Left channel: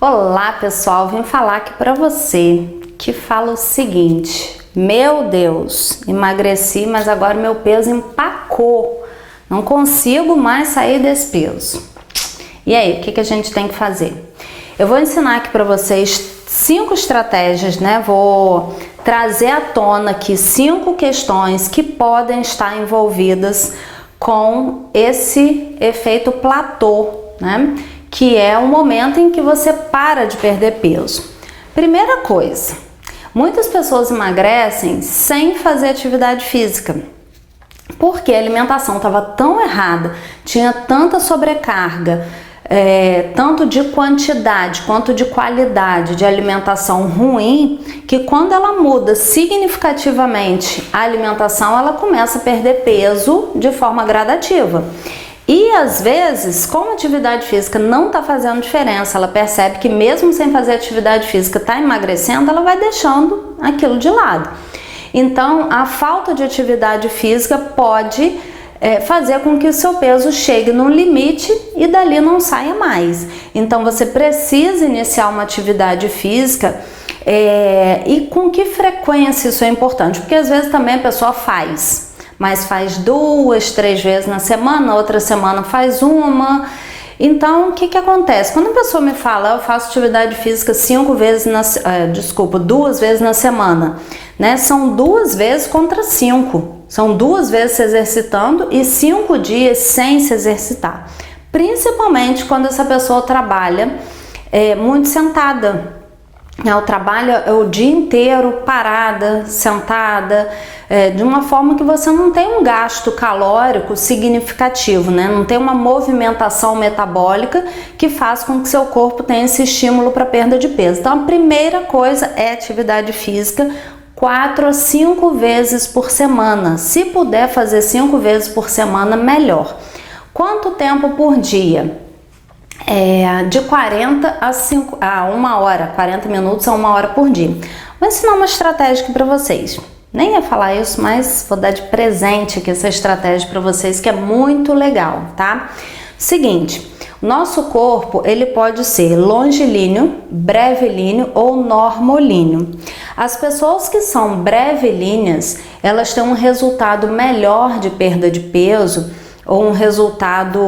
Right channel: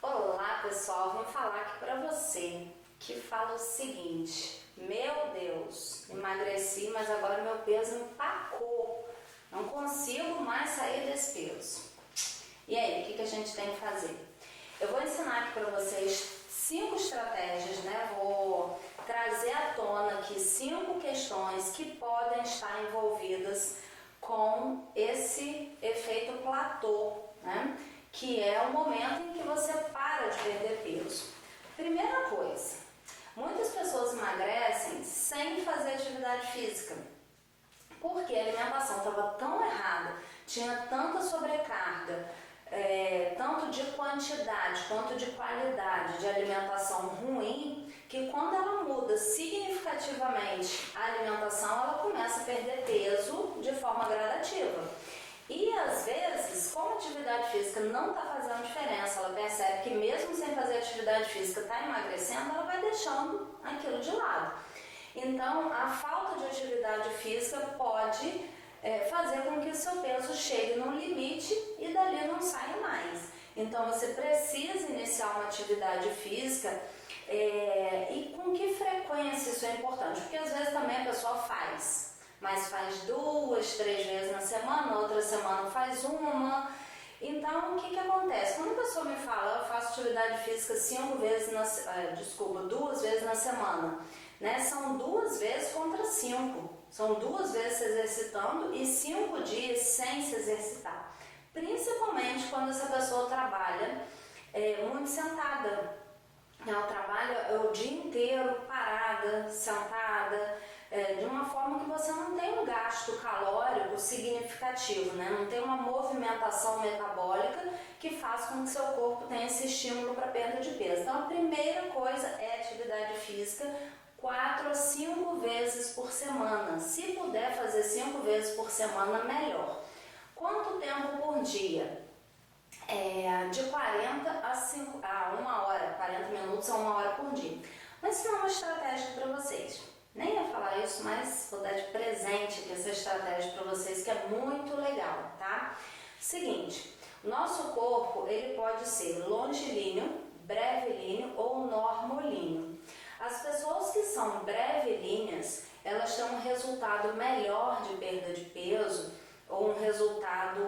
Olá pessoal, vim falar aqui pra você que fala o seguinte: meu Deus, emagreci, mas agora meu peso empacou, não consigo mais sair desse peso. E aí, o que a gente tem que fazer? Eu vou ensinar aqui pra vocês 5 estratégias, né? Vou trazer à tona aqui 5 questões que podem estar envolvidas com esse efeito platô, né? Que é o momento em que você para de perder peso. Primeira coisa, muitas pessoas emagrecem sem fazer atividade física, porque a alimentação estava tão errada, tinha tanta sobrecarga, tanto de quantidade quanto de qualidade de alimentação ruim, que quando ela muda significativamente a alimentação, ela começa a perder peso de forma gradativa. E às vezes, como a atividade física não está fazendo diferença, ela percebe que mesmo sem fazer atividade física está emagrecendo, ela vai deixando aquilo de lado. Então, a falta de atividade física pode fazer com que o seu peso chegue num limite e dali não saia mais. Então, você precisa iniciar uma atividade física e com que frequência isso é importante? Porque às vezes também a pessoa mas faz 2, 3 vezes na semana, outra semana faz uma. Então, o que acontece? Quando a pessoa me fala, eu faço atividade física 2 vezes na semana, né? São 2 vezes contra 5. São 2 vezes se exercitando e 5 dias sem se exercitar. Principalmente quando essa pessoa trabalha muito sentada. Ela trabalha o dia inteiro parada, sentada, de uma forma que você não tem um gasto calórico significativo, né? Não tem uma movimentação metabólica que faz com que seu corpo tenha esse estímulo para perda de peso. Então, a primeira coisa é atividade física 4 a 5 vezes por semana. Se puder fazer 5 vezes por semana, melhor. Quanto tempo por dia? De 40 a 1 hora, 40 minutos a 1 hora por dia. Vou ensinar uma estratégia aqui para vocês. Nem ia falar isso, mas vou dar de presente aqui essa estratégia para vocês, que é muito legal, tá? Seguinte, nosso corpo ele pode ser longilíneo, brevilíneo ou normolíneo. As pessoas que são brevilíneas, elas têm um resultado melhor de perda de peso, ou um resultado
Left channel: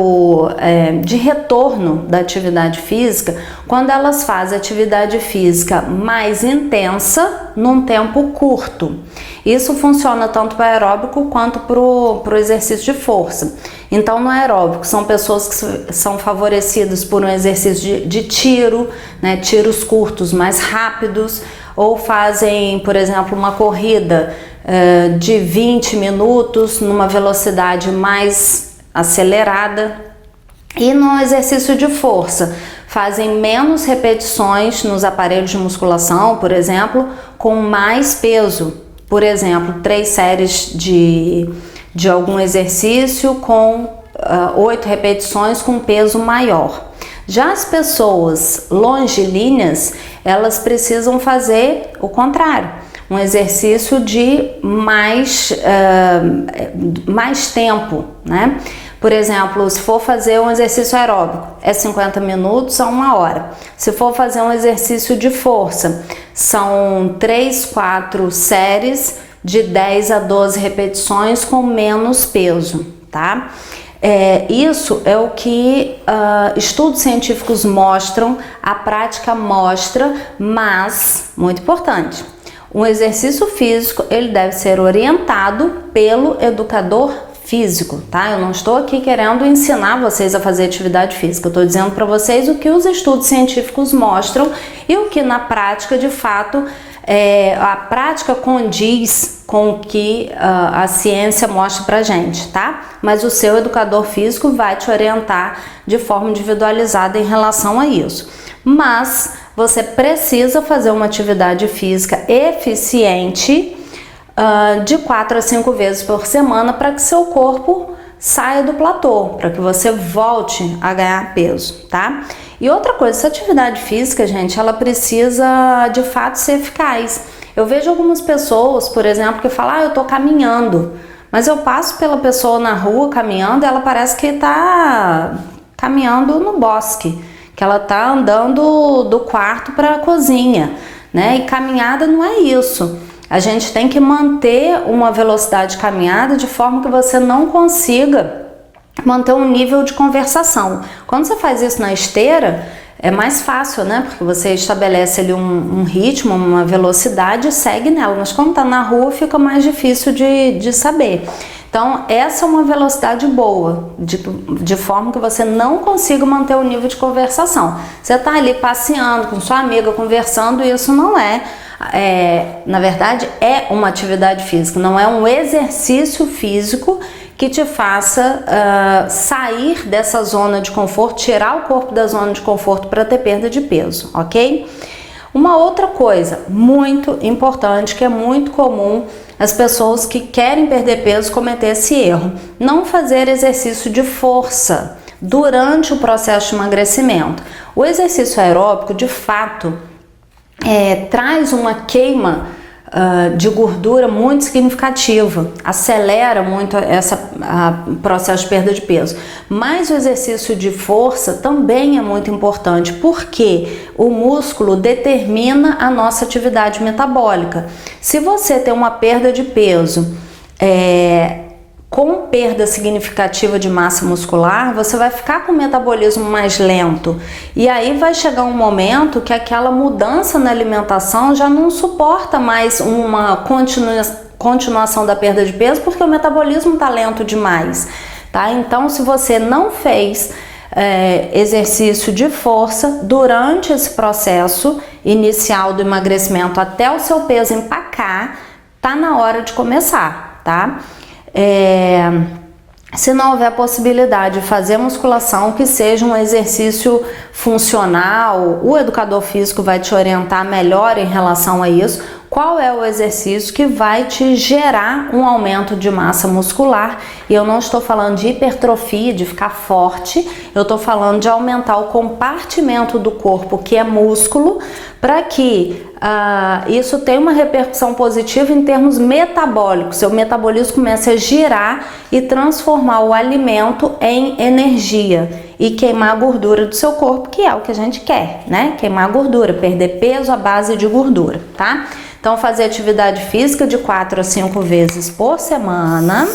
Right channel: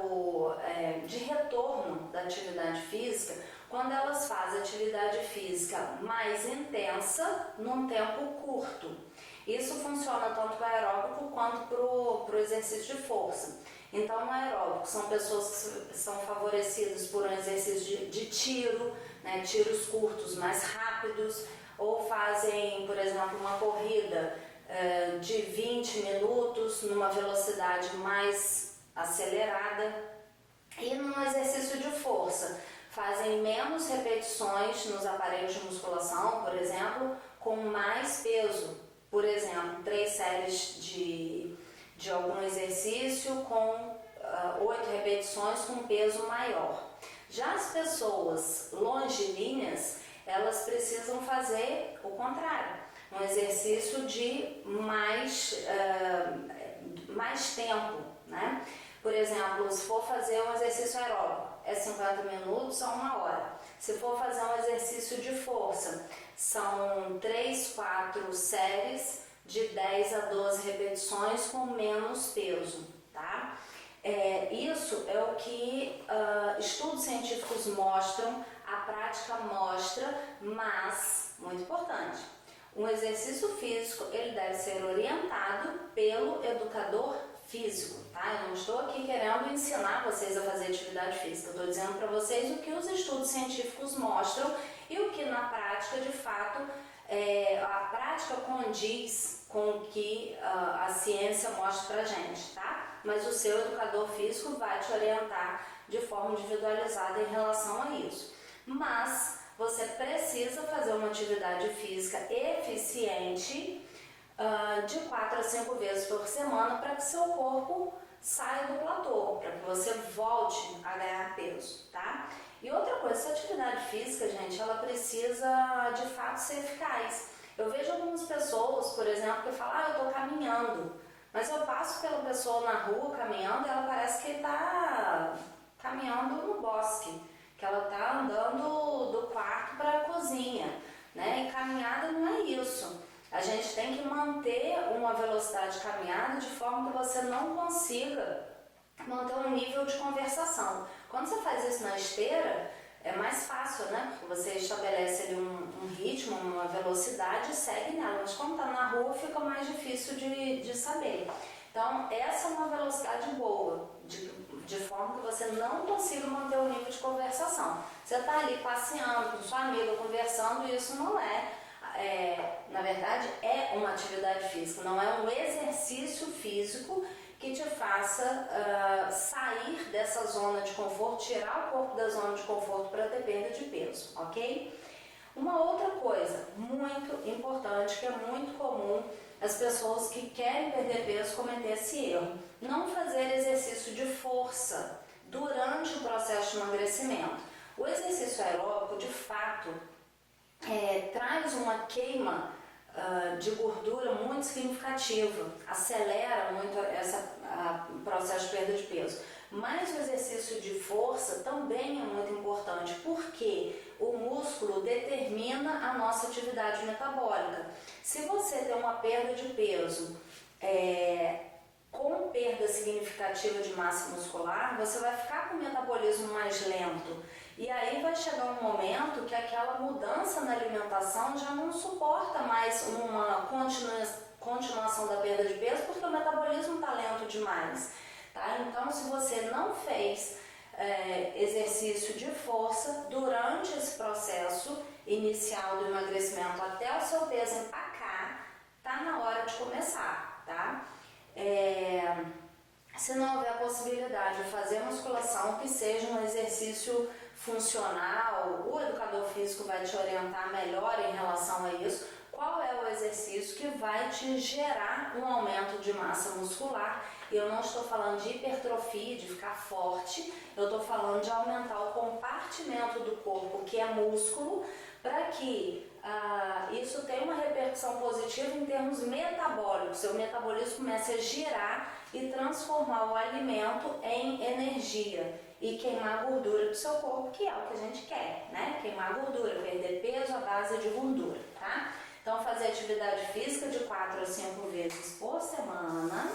de retorno da atividade física, quando elas fazem atividade física mais intensa num tempo curto. Isso funciona tanto para o aeróbico quanto para o exercício de força. Então, no aeróbico, são pessoas que são favorecidas por um exercício de tiro, né, tiros curtos mais rápidos, ou fazem, por exemplo, uma corrida de 20 minutos numa velocidade mais acelerada. E no exercício de força, fazem menos repetições nos aparelhos de musculação, por exemplo, com mais peso. Por exemplo, 3 séries de algum exercício com 8 repetições com peso maior. Já as pessoas longilíneas, elas precisam fazer o contrário. Um exercício de mais tempo, né? Por exemplo, se for fazer um exercício aeróbico, é 50 minutos a 1 hora. Se for fazer um exercício de força, são 3, 4 séries de 10 a 12 repetições com menos peso, tá? Isso é o que estudos científicos mostram, a prática mostra, mas, muito importante, um exercício físico ele deve ser orientado pelo educador físico, tá? Eu não estou aqui querendo ensinar vocês a fazer atividade física, eu estou dizendo para vocês o que os estudos científicos mostram e o que na prática, de fato, a prática condiz com o que a ciência mostra pra gente, tá? Mas o seu educador físico vai te orientar de forma individualizada em relação a isso. Mas você precisa fazer uma atividade física eficiente de 4 a 5 vezes por semana para que seu corpo saia do platô, para que você volte a ganhar peso, tá? E outra coisa, essa atividade física, gente, ela precisa de fato ser eficaz. Eu vejo algumas pessoas, por exemplo, que falam, eu tô caminhando, mas eu passo pela pessoa na rua caminhando e ela parece que tá caminhando no bosque. que ela tá andando do quarto para a cozinha, né? E caminhada não é isso. A gente tem que manter uma velocidade de caminhada de forma que você não consiga manter um nível de conversação. Quando você faz isso na esteira, é mais fácil, né? Porque você estabelece ali um ritmo, uma velocidade e segue nela. Mas quando tá na rua, fica mais difícil de saber. Então, essa é uma velocidade boa, de forma que você não consiga manter o nível de conversação. Você tá ali passeando com sua amiga, conversando, e isso não na verdade, é uma atividade física, não é um exercício físico que te faça sair dessa zona de conforto, tirar o corpo da zona de conforto para ter perda de peso, ok? Uma outra coisa muito importante, que é muito comum as pessoas que querem perder peso cometer esse erro: não fazer exercício de força durante o processo de emagrecimento. O exercício aeróbico, de fato, traz uma queima de gordura muito significativa, acelera muito esse processo de perda de peso. Mas o exercício de força também é muito importante, porque o músculo determina a nossa atividade metabólica. Se você tem uma perda de peso com perda significativa de massa muscular, você vai ficar com o metabolismo mais lento. E aí vai chegar um momento que aquela mudança na alimentação já não suporta mais uma continuação da perda de peso, porque o metabolismo está lento demais, tá? Então, se você não fez exercício de força durante esse processo inicial do emagrecimento até o seu peso empacar, tá na hora de começar, tá? Se não houver possibilidade de fazer musculação, que seja um exercício funcional, o educador físico vai te orientar melhor em relação a isso. Qual é o exercício que vai te gerar um aumento de massa muscular? E eu não estou falando de hipertrofia, de ficar forte, eu estou falando de aumentar o compartimento do corpo, que é músculo, para que isso tenha uma repercussão positiva em termos metabólicos. Seu metabolismo começa a girar e transformar o alimento em energia e queimar a gordura do seu corpo, que é o que a gente quer, né? Queimar a gordura, perder peso à base de gordura, tá? Então, fazer atividade física de 4 a 5 vezes por semana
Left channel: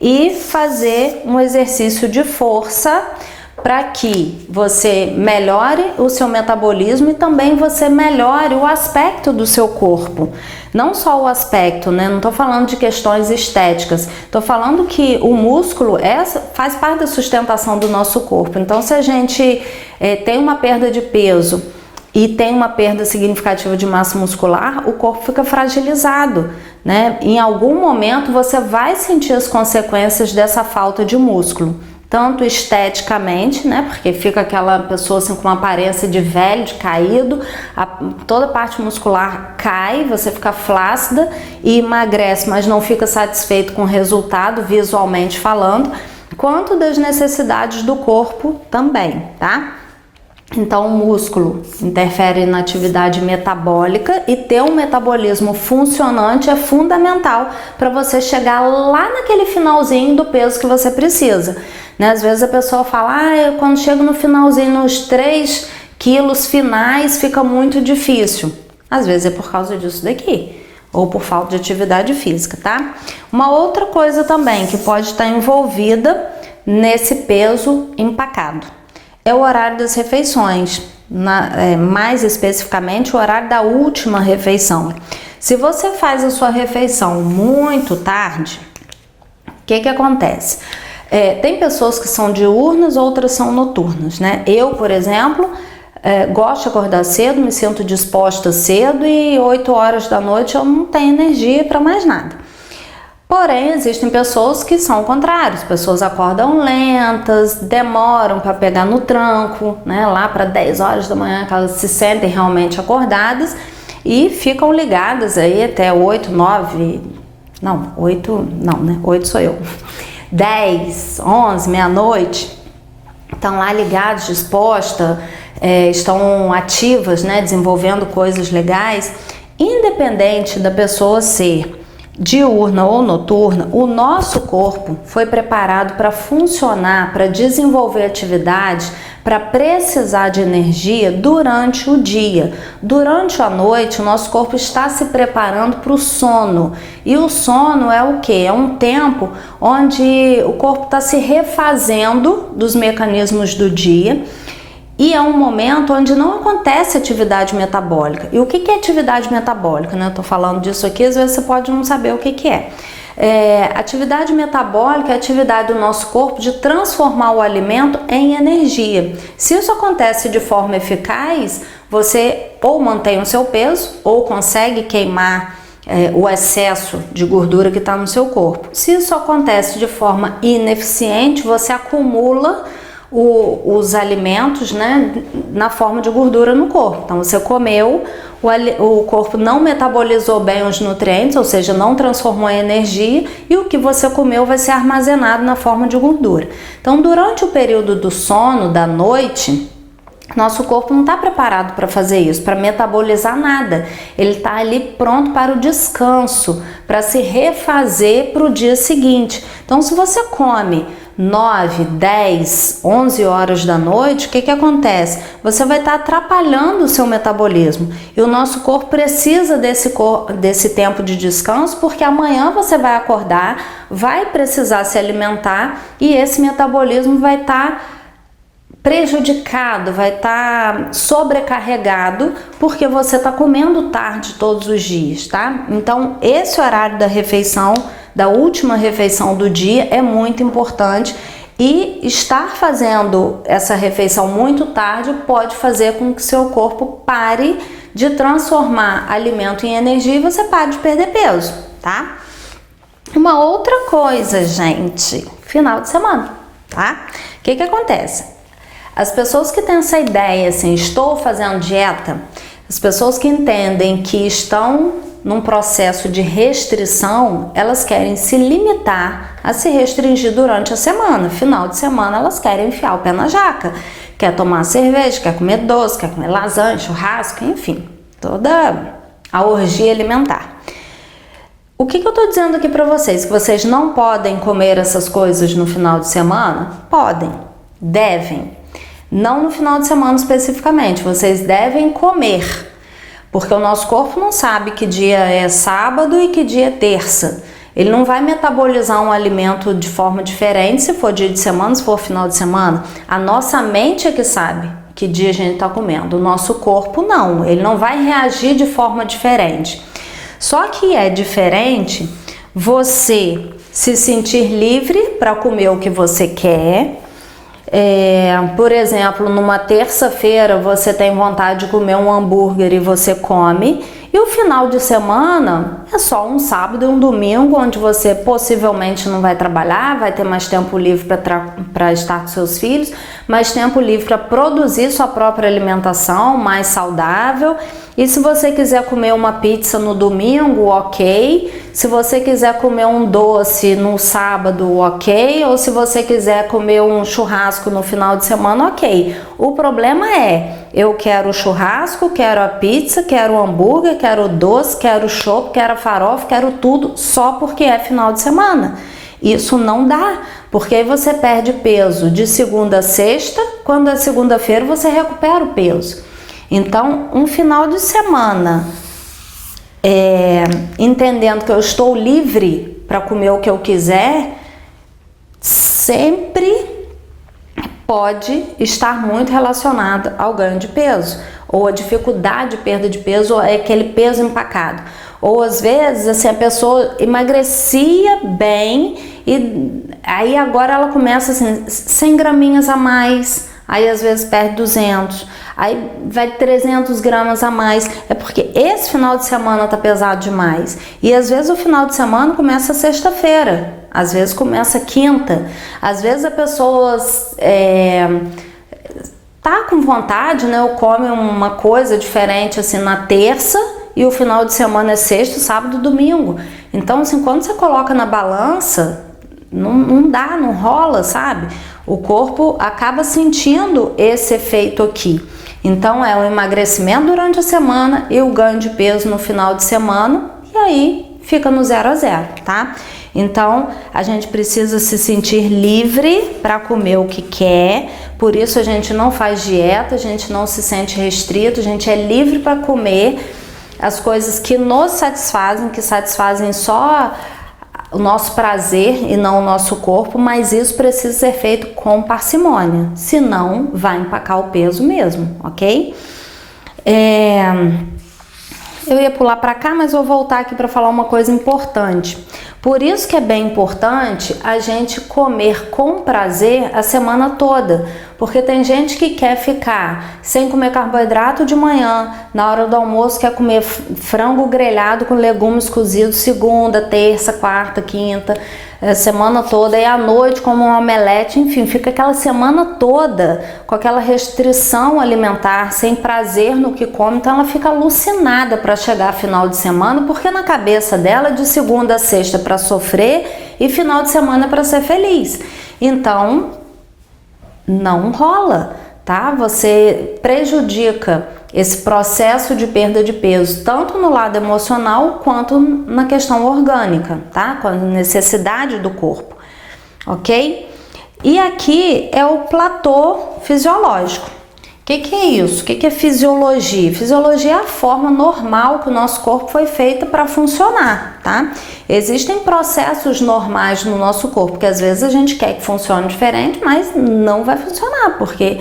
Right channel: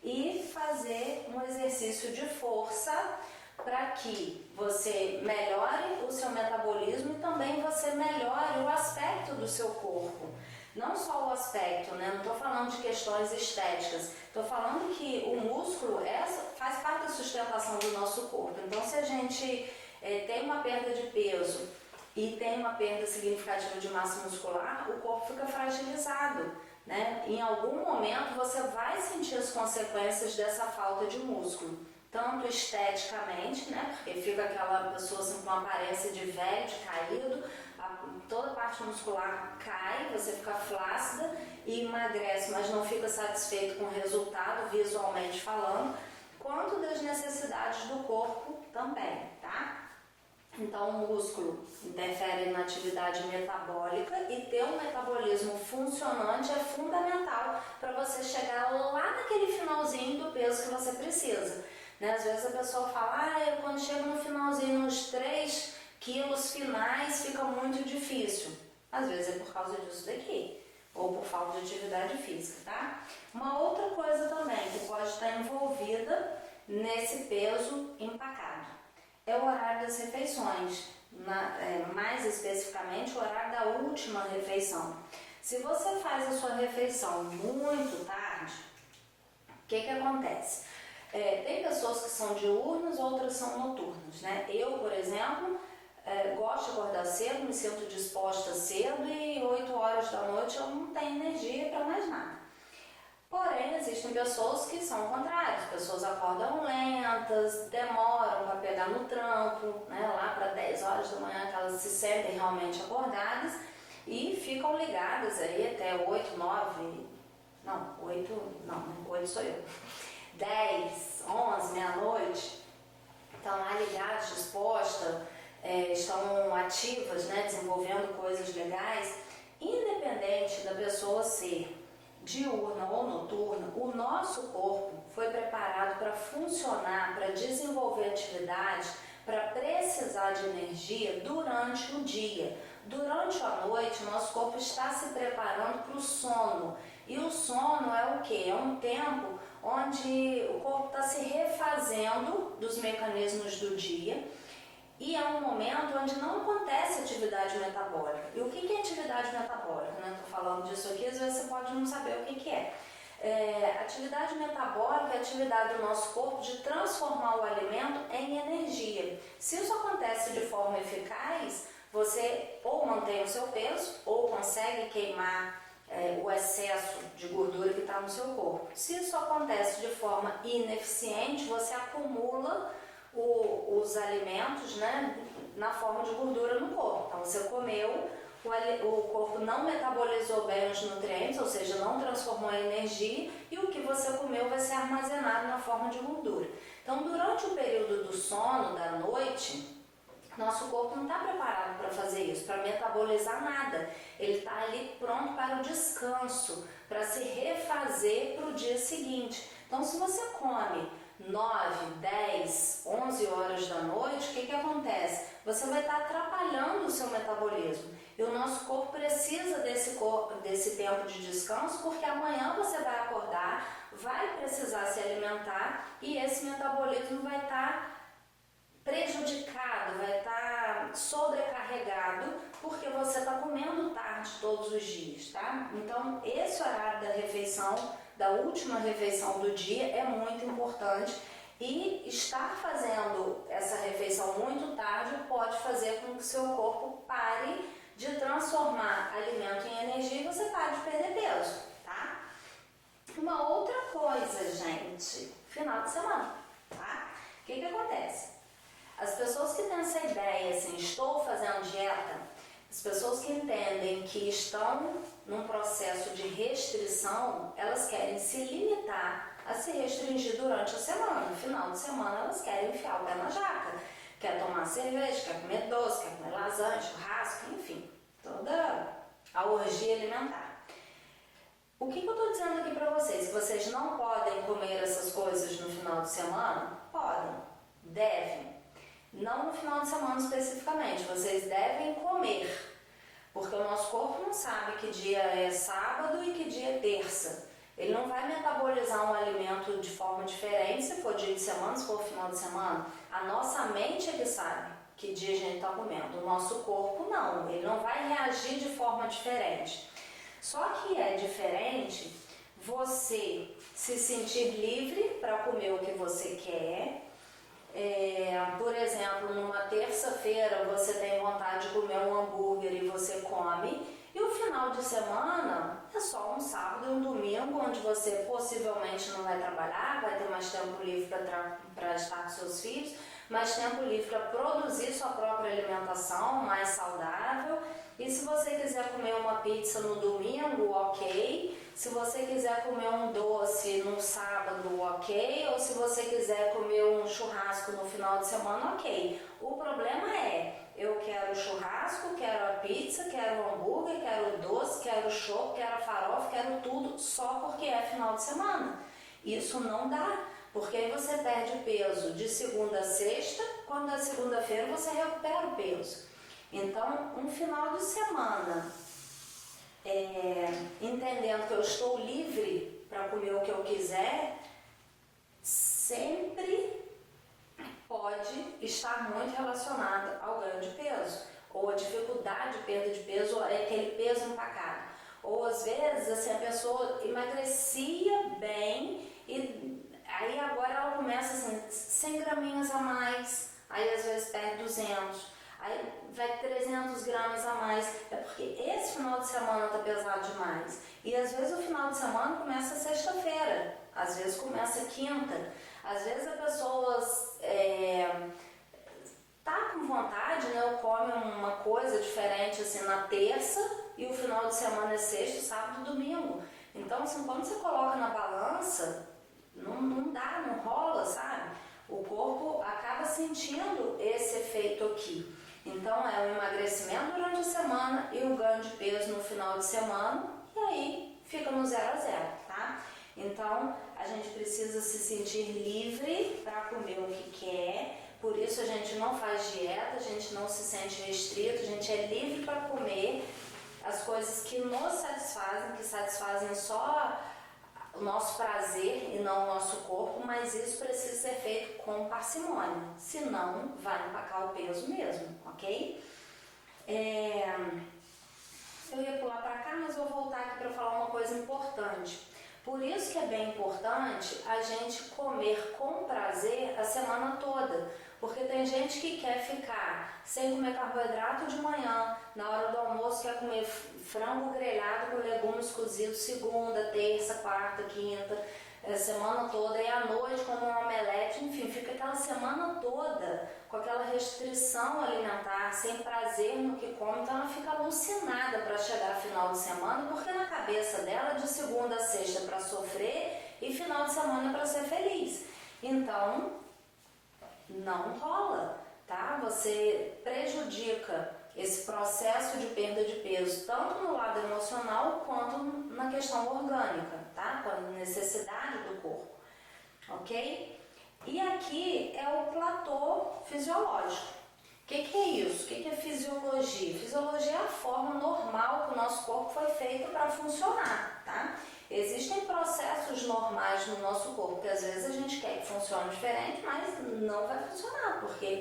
e fazer um exercício de força para que você melhore o seu metabolismo e também você melhore o aspecto do seu corpo. Não só o aspecto, né? Não estou falando de questões estéticas, estou falando que o músculo faz parte da sustentação do nosso corpo. Então, se a gente tem uma perda de peso e tem uma perda significativa de massa muscular, o corpo fica fragilizado, né? Em algum momento você vai sentir as consequências dessa falta de músculo, tanto esteticamente, né? Porque fica aquela pessoa assim com uma aparência de velho, de caído, toda a parte muscular cai, você fica flácida e emagrece, mas não fica satisfeito com o resultado visualmente falando, quanto das necessidades do corpo também, tá? Então, o músculo interfere na atividade metabólica e ter um metabolismo funcionante é fundamental para você chegar lá naquele finalzinho do peso que você precisa, né? Às vezes a pessoa fala, quando chego no finalzinho, nos 3 quilos finais, fica muito difícil. Às vezes é por causa disso daqui, ou por falta de atividade física, tá? Uma outra coisa também que pode estar envolvida nesse peso empacado é o horário das refeições, mais especificamente o horário da última refeição. Se você faz a sua refeição muito tarde, o que acontece? Tem pessoas que são diurnas, outras são noturnas, né? Eu, por exemplo, gosto de acordar cedo, me sinto disposta cedo e 8 horas da noite eu não tenho energia para mais nada. Porém, existem pessoas que são o contrário, as pessoas acordam lentas, demoram para pegar no tranco, né? Lá para 10 horas da manhã que elas se sentem realmente acordadas e ficam ligadas aí até 8 sou eu, 10, 11, meia-noite, estão lá ligados, dispostas, estão ativas, né? Desenvolvendo coisas legais, independente da pessoa ser diurna ou noturna, o nosso corpo foi preparado para funcionar, para desenvolver atividade, para precisar de energia durante o dia. Durante a noite, o nosso corpo está se preparando para o sono. E o sono é o quê? É um tempo onde o corpo está se refazendo dos mecanismos do dia. E é um momento onde não acontece atividade metabólica. E o que é atividade metabólica? Eu tô falando disso aqui, às vezes você pode não saber o que é. Atividade metabólica é a atividade do nosso corpo de transformar o alimento em energia. Se isso acontece de forma eficaz, você ou mantém o seu peso ou consegue queimar o excesso de gordura que está no seu corpo. Se isso acontece de forma ineficiente, você acumula os alimentos, né, na forma de gordura no corpo. Então você comeu, o corpo não metabolizou bem os nutrientes, ou seja, não transformou em energia, e o que você comeu vai ser armazenado na forma de gordura. Então, durante o período do sono, da noite, nosso corpo não está preparado para fazer isso, para metabolizar nada. Ele está ali pronto para o descanso, para se refazer para o dia seguinte. Então, se você come 9, 10, 11 horas da noite, o que acontece? Você vai estar atrapalhando o seu metabolismo. E o nosso corpo precisa desse tempo de descanso, porque amanhã você vai acordar, vai precisar se alimentar e esse metabolismo vai estar prejudicado, vai estar sobrecarregado, porque você está comendo tarde todos os dias, tá? Então, esse horário da refeição, da última refeição do dia, é muito importante, e estar fazendo essa refeição muito tarde pode fazer com que seu corpo pare de transformar alimento em energia e você pare de perder peso, tá? Uma outra coisa, gente, final de semana, tá? O que acontece? As pessoas que têm essa ideia, assim, estou fazendo dieta, as pessoas que entendem que estão num processo de restrição, elas querem se limitar a se restringir durante a semana. Final de semana elas querem enfiar o pé na jaca, quer tomar cerveja, quer comer doce, quer comer lasanha, churrasco, enfim, toda a orgia alimentar. O que eu tô dizendo aqui para vocês? Que vocês não podem comer essas coisas no final de semana? Podem, devem. Não no final de semana especificamente, vocês devem comer, porque o nosso corpo não sabe que dia é sábado e que dia é terça. Ele não vai metabolizar um alimento de forma diferente se for dia de semana, se for final de semana. A nossa mente é que sabe que dia a gente está comendo, o nosso corpo não, ele não vai reagir de forma diferente. Só que é diferente você se sentir livre para comer o que você quer. Por exemplo, numa terça-feira você tem vontade de comer um hambúrguer e você come, e o final de semana é só um sábado e um domingo onde você possivelmente não vai trabalhar, vai ter mais tempo livre para estar com seus filhos, mais tempo livre para produzir sua própria alimentação mais saudável. E se você quiser comer uma pizza no domingo, ok. Se você quiser comer um doce no sábado, ok. Ou se você quiser comer um churrasco no final de semana, ok. O problema é, eu quero o churrasco, quero a pizza, quero o hambúrguer, quero o doce, quero o chopp, quero a farofa, quero tudo só porque é final de semana. Isso não dá, porque aí você perde peso de segunda a sexta, quando é segunda-feira você recupera o peso. Então, um final de semana, entendendo que eu estou livre para comer o que eu quiser, sempre pode estar muito relacionado ao ganho de peso, ou a dificuldade de perda de peso, ou aquele peso empacado. Ou às vezes assim, a pessoa emagrecia bem e aí agora ela começa assim, 100 graminhas a mais, aí às vezes perde 200, aí vai 300 gramas a mais. É porque esse final de semana tá pesado demais. E às vezes o final de semana começa sexta-feira, às vezes começa quinta, às vezes a pessoa tá com vontade, né, ou come uma coisa diferente assim na terça, e o final de semana é sexta, sábado e domingo. Então, assim, quando você coloca na balança, não dá, não rola, sabe? O corpo acaba sentindo esse efeito aqui. Então, é o emagrecimento durante a semana e o ganho de peso no final de semana, e aí fica no 0 a 0, tá? Então, a gente precisa se sentir livre para comer o que quer, por isso a gente não faz dieta, a gente não se sente restrito, a gente é livre para comer as coisas que nos satisfazem, que satisfazem só o nosso prazer e não o nosso corpo, mas isso precisa ser feito com parcimônia, senão vai empacar o peso mesmo, ok? Eu ia pular para cá, mas vou voltar aqui para falar uma coisa importante. Por isso que é bem importante a gente comer com prazer a semana toda, porque tem gente que quer ficar sem comer carboidrato de manhã, na hora do almoço quer comer frango grelhado com legumes cozidos segunda, terça, quarta, quinta, semana toda, e à noite como um omelete, enfim, fica aquela semana toda com aquela restrição alimentar, sem prazer no que come, então ela fica alucinada para chegar final de semana, porque na cabeça dela de segunda a sexta para sofrer e final de semana para ser feliz. Então, não rola, tá? Você prejudica esse processo de perda de peso, tanto no lado emocional quanto na questão orgânica, tá? Com a necessidade do corpo, ok? E aqui é o platô fisiológico. O que é isso? O que é fisiologia? Fisiologia é a forma normal que o nosso corpo foi feita para funcionar, tá? Existem processos normais no nosso corpo que às vezes a gente quer que funcione diferente, mas não vai funcionar, porque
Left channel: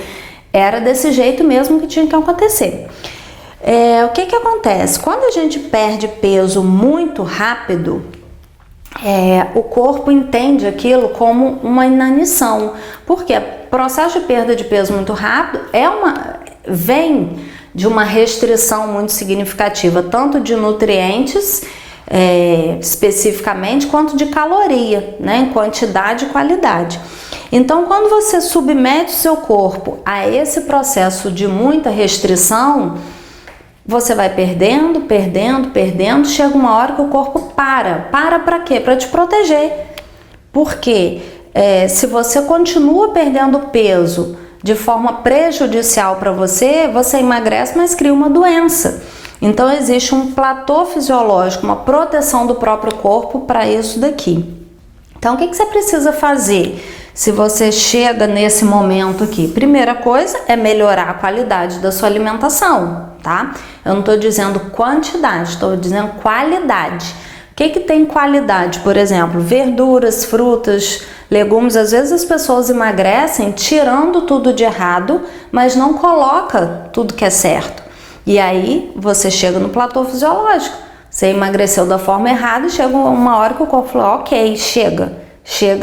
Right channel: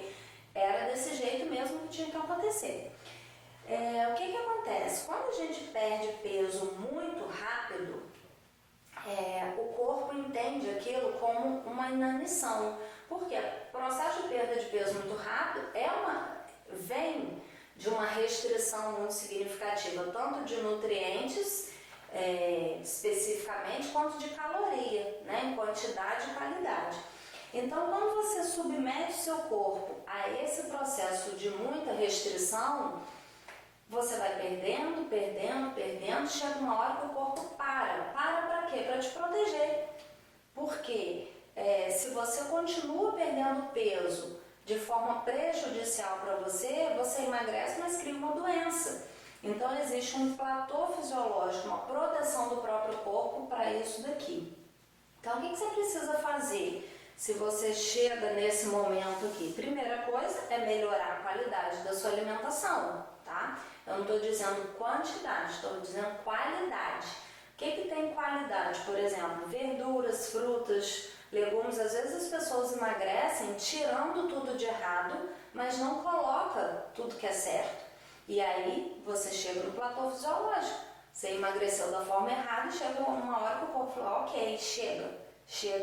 era desse jeito mesmo que tinha que acontecer. O que acontece? Quando a gente perde peso muito rápido, o corpo entende aquilo como uma inanição, porque o processo de perda de peso muito rápido vem de uma restrição muito significativa, tanto de nutrientes especificamente, quanto de caloria, né, em quantidade e qualidade. Então, quando você submete o seu corpo a esse processo de muita restrição, você vai perdendo, chega uma hora que o corpo para quê? Para te proteger. Porque se você continua perdendo peso de forma prejudicial para você, você emagrece, mas cria uma doença. Então existe um platô fisiológico, uma proteção do próprio corpo para isso daqui. Então o que você precisa fazer se você chega nesse momento aqui? Primeira coisa é melhorar a qualidade da sua alimentação, tá? Eu não estou dizendo quantidade, estou dizendo qualidade. O que tem qualidade? Por exemplo, verduras, frutas, legumes. Às vezes as pessoas emagrecem tirando tudo de errado, mas não coloca tudo que é certo. E aí você chega no platô fisiológico. Você emagreceu da forma errada e chega uma hora que o corpo fala, ok, chega,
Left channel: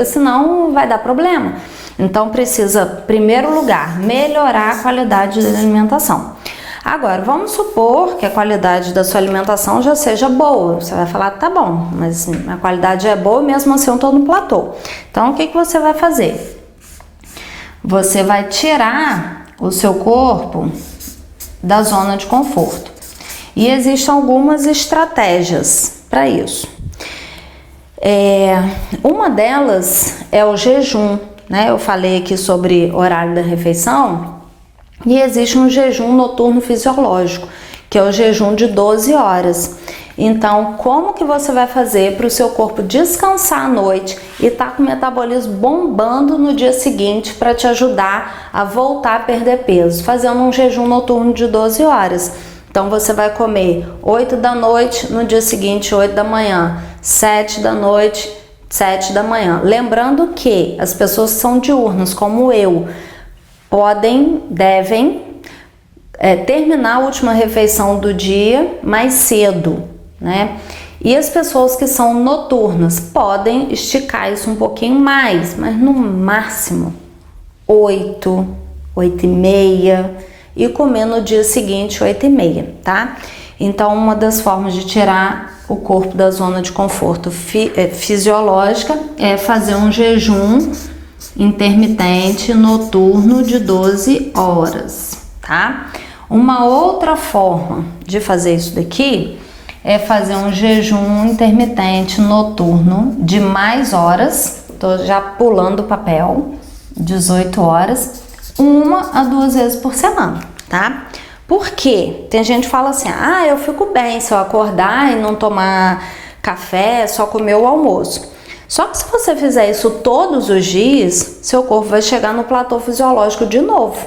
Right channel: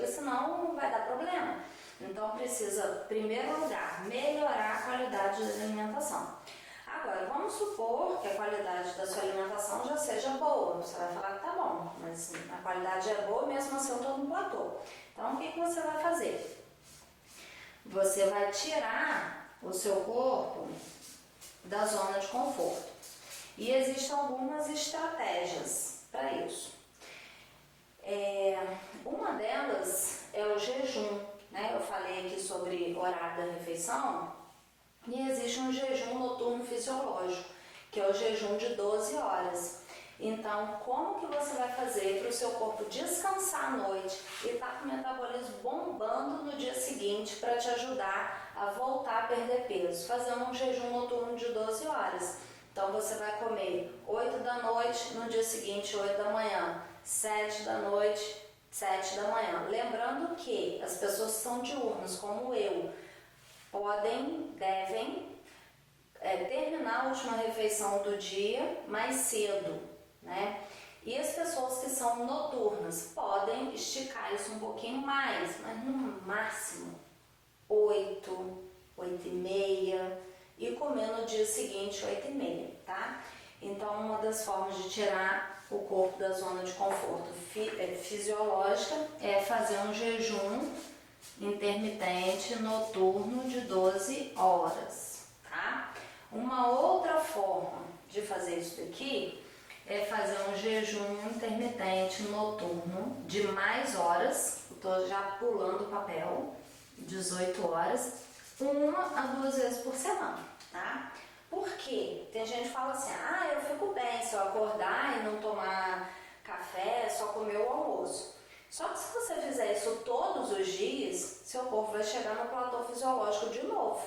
senão vai dar problema. Então precisa, em primeiro lugar, melhorar a qualidade da alimentação. Agora, vamos supor que a qualidade da sua alimentação já seja boa. Você vai falar, tá bom, mas a qualidade é boa e mesmo assim eu estou no platô. Então, o que você vai fazer? Você vai tirar o seu corpo da zona de conforto. E existem algumas estratégias para isso. Uma delas é o jejum, né? Eu falei aqui sobre horário da refeição. E existe um jejum noturno fisiológico, que é o jejum de 12 horas. Então, como que você vai fazer para o seu corpo descansar à noite e estar com o metabolismo bombando no dia seguinte para te ajudar a voltar a perder peso? Fazendo um jejum noturno de 12 horas. Então, você vai comer 8 da noite, no dia seguinte 8 da manhã, 7 da noite, 7 da manhã. Lembrando que as pessoas que são diurnas, como eu, devem terminar a última refeição do dia mais cedo, né? E as pessoas que são noturnas podem esticar isso um pouquinho mais, mas no máximo 8, 8h30 e comer no dia seguinte 8h30, tá? Então, uma das formas de tirar o corpo da zona de conforto fisiológica é fazer um jejum intermitente noturno de 12 horas, tá? Uma outra forma de fazer isso daqui é fazer um jejum intermitente noturno de mais horas, tô já pulando o papel, 18 horas, 1 a 2 vezes por semana, tá? Por quê? Tem gente que fala assim, eu fico bem se eu acordar e não tomar café, só comer o almoço. Só que se você fizer isso todos os dias, seu corpo vai chegar no platô fisiológico de novo.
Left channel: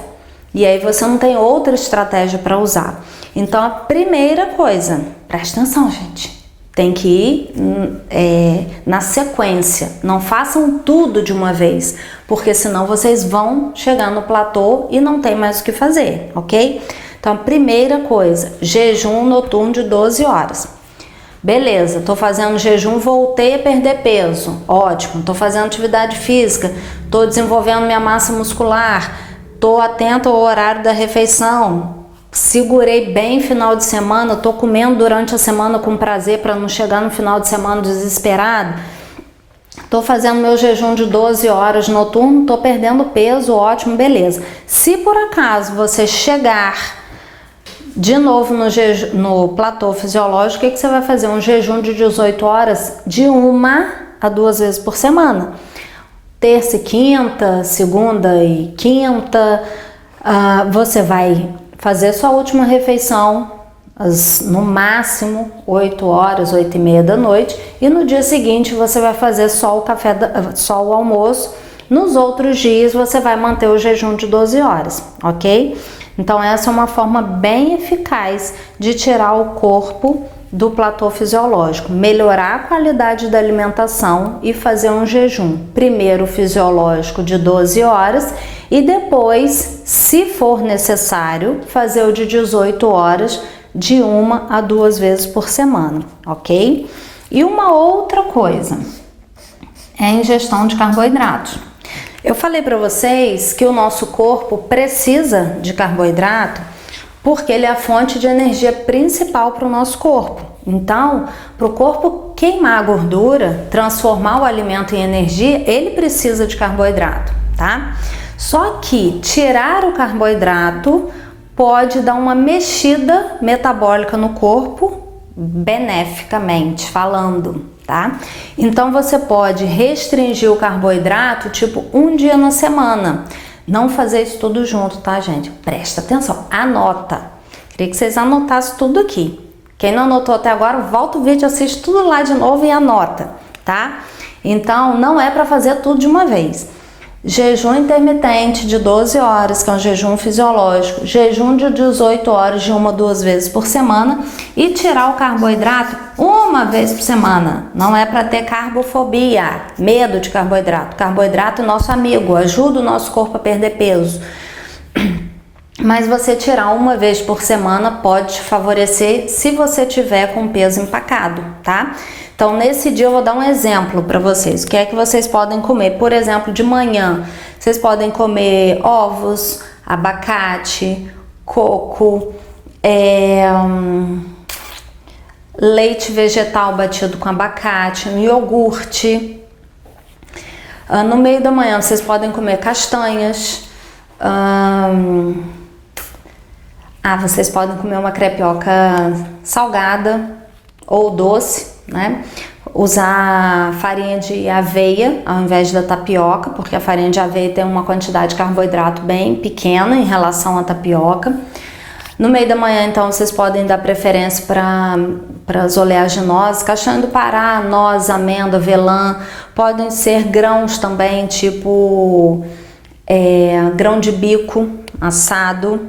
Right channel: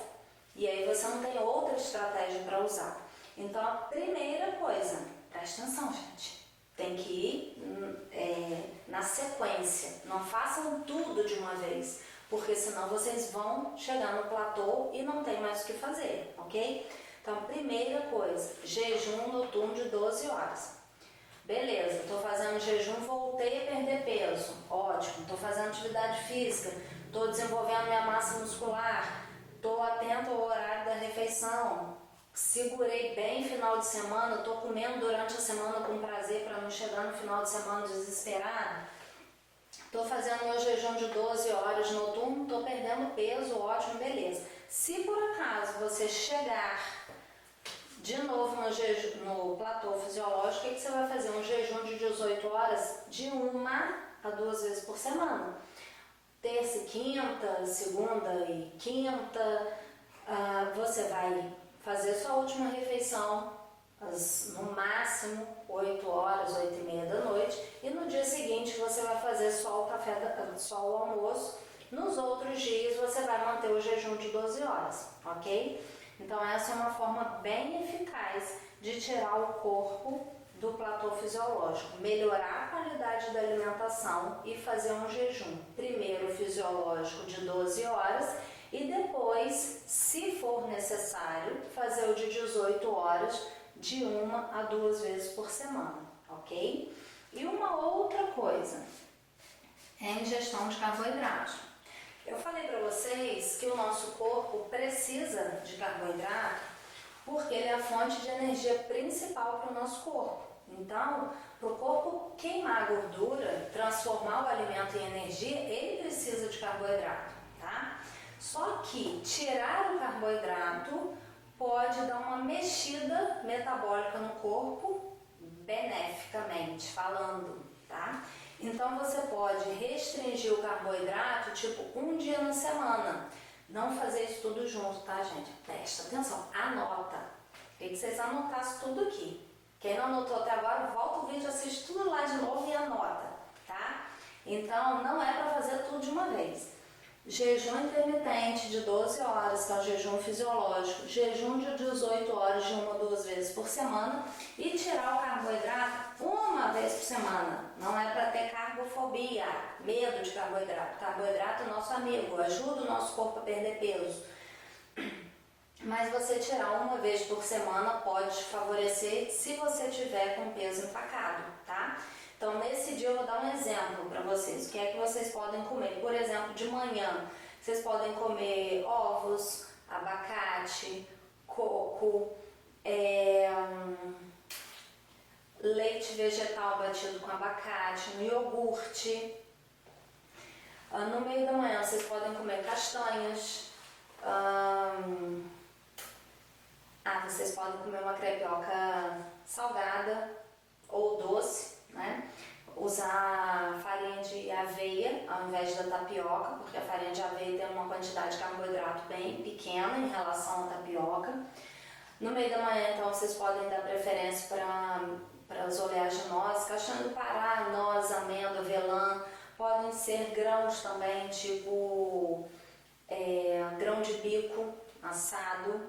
E aí você não tem outra estratégia para usar. Então a primeira coisa, presta atenção, gente, tem que ir na sequência. Não façam tudo de uma vez, porque senão vocês vão chegar no platô e não tem mais o que fazer, ok? Então a primeira coisa, jejum noturno de 12 horas. Beleza, tô fazendo jejum, voltei a perder peso, ótimo. Tô fazendo atividade física, tô desenvolvendo minha massa muscular, tô atento ao horário da refeição, segurei bem final de semana, tô comendo durante a semana com prazer para não chegar no final de semana desesperado. Tô fazendo meu jejum de 12 horas noturno, tô perdendo peso, ótimo, beleza. Se por acaso você chegar de novo no platô fisiológico, o que você vai fazer? Um jejum de 18 horas de 1 a 2 vezes por semana. Terça e quinta, segunda e quinta, você vai fazer sua última refeição no máximo 8 horas, 8 e meia da noite, e no dia seguinte você vai fazer só o almoço. Nos outros dias você vai manter o jejum de 12 horas, ok? Então essa é uma forma bem eficaz de tirar o corpo do platô fisiológico, melhorar a qualidade da alimentação e fazer um jejum, primeiro fisiológico de 12 horas e depois, se for necessário, fazer o de 18 horas de 1 a 2 vezes por semana, ok? E uma outra coisa é a ingestão de carboidratos. Eu falei para vocês que o nosso corpo precisa de carboidrato porque ele é a fonte de energia principal para o nosso corpo. Então, para o corpo queimar a gordura, transformar o alimento em energia, ele precisa de carboidrato, tá? Só que tirar o carboidrato pode dar uma mexida metabólica no corpo, beneficamente falando, tá? Então você pode restringir o carboidrato tipo um dia na semana. Não fazer isso tudo junto, tá, gente? Presta atenção, anota. Queria que vocês anotassem tudo aqui. Quem não anotou até agora, volta o vídeo, assiste tudo lá de novo e anota, tá? Então não é para fazer tudo de uma vez. Jejum intermitente de 12 horas, que é um jejum fisiológico, jejum de 18 horas de 1 a 2 vezes por semana e tirar o carboidrato uma vez por semana. Não é para ter carbofobia, medo de carboidrato. Carboidrato é nosso amigo, ajuda o nosso corpo a perder peso. Mas você tirar uma vez por semana pode te favorecer se você tiver com peso empacado, tá? Então, nesse dia eu vou dar um exemplo para vocês. O que é que vocês podem comer? Por exemplo, de manhã, vocês podem comer ovos, abacate, coco, leite vegetal batido com abacate, um iogurte. No meio da manhã, vocês podem comer castanhas. Vocês podem comer uma crepioca salgada ou doce, né? Usar farinha de aveia ao invés da tapioca, porque a farinha de aveia tem uma quantidade de carboidrato bem pequena em relação à tapioca. No meio da manhã, então, vocês podem dar preferência para as oleaginosas, castanha do Pará, noz, amêndoa, avelã. Podem ser grãos também, tipo grão de bico assado.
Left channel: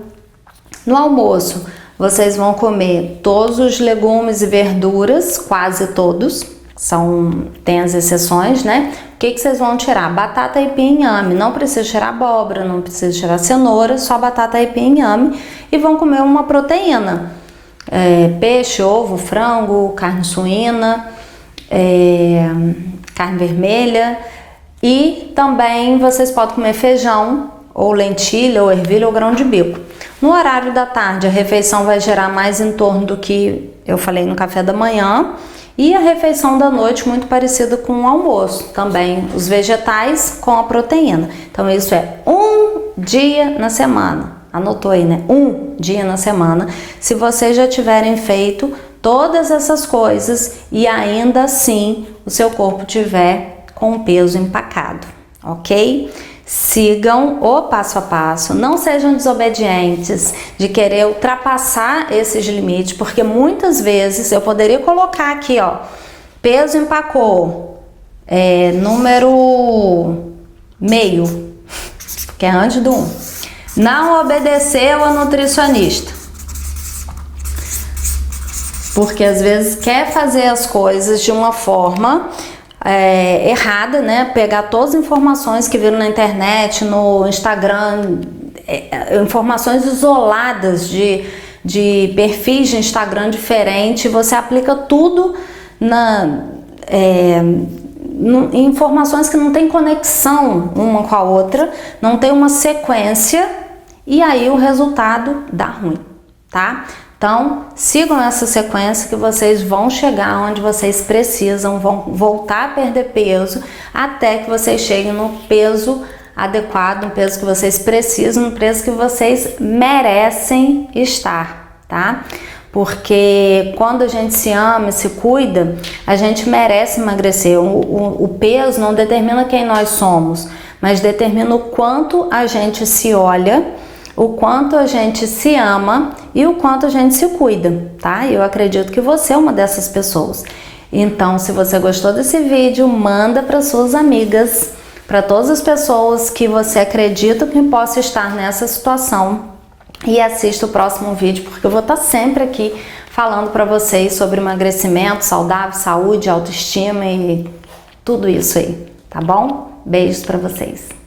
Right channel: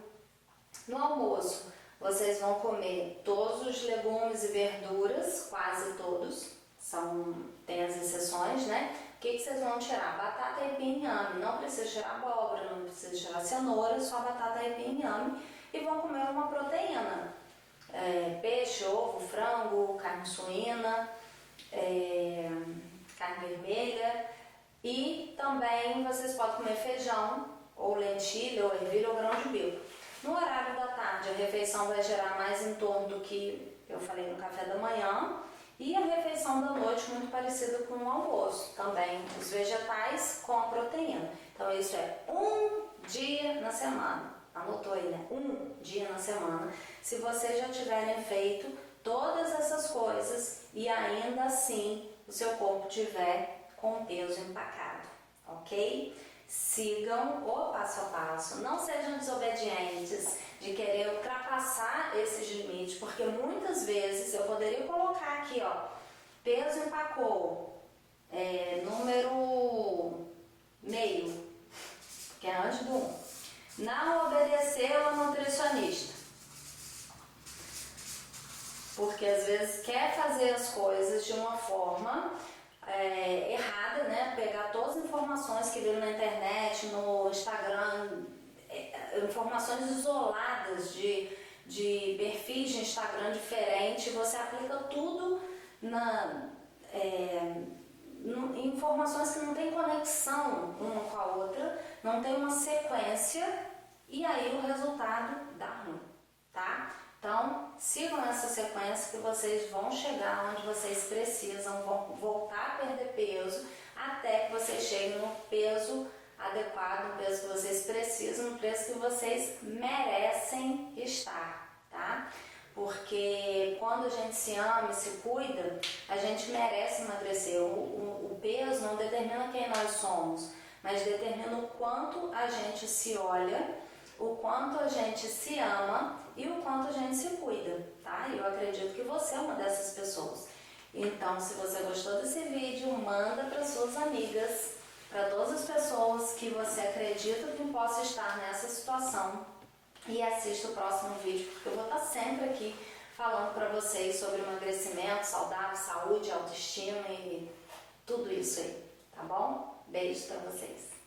No almoço, vocês vão comer todos os legumes e verduras, quase todos, tem as exceções, né? O que vocês vão tirar? Batata, aipim e inhame. Não precisa tirar abóbora, não precisa tirar cenoura, só batata, aipim e inhame. E vão comer uma proteína. Peixe, ovo, frango, carne suína, carne vermelha. E também vocês podem comer feijão, ou lentilha, ou ervilha, ou grão de bico. No horário da tarde, a refeição vai gerar mais em torno do que eu falei no café da manhã. E a refeição da noite muito parecida com o almoço. Também os vegetais com a proteína. Então isso é um dia na semana. Anotou aí, né? Um dia na semana. Se vocês já tiverem feito todas essas coisas e ainda assim o seu corpo tiver com o peso empacado, ok? Sigam o passo a passo, não sejam desobedientes de querer ultrapassar esses limites, porque muitas vezes eu poderia colocar aqui, ó, peso empacou, Número meio, que é antes do 1. Não obedeceu a nutricionista. Porque às vezes quer fazer as coisas de uma forma errada, né? Pegar todas as informações que viram na internet, no Instagram, informações isoladas de perfis de Instagram diferente, você aplica tudo em informações que não tem conexão uma com a outra, não tem uma sequência, e aí o resultado dá ruim, tá? Então, sigam essa sequência que vocês vão chegar onde vocês precisam, vão voltar a perder peso, até que vocês cheguem no peso adequado, no peso que vocês precisam, no peso que vocês merecem estar, tá? Porque quando a gente se ama e se cuida, a gente merece emagrecer. O peso não determina quem nós somos, mas determina o quanto a gente se olha, o quanto a gente se ama e o quanto a gente se cuida, tá? Eu acredito que você é uma dessas pessoas. Então, se você gostou desse vídeo, manda para suas amigas, para todas as pessoas que você acredita que possa estar nessa situação, e assista o próximo vídeo, porque eu vou estar sempre aqui falando para vocês sobre emagrecimento saudável, saúde, autoestima e tudo isso aí, tá bom? Beijos para vocês.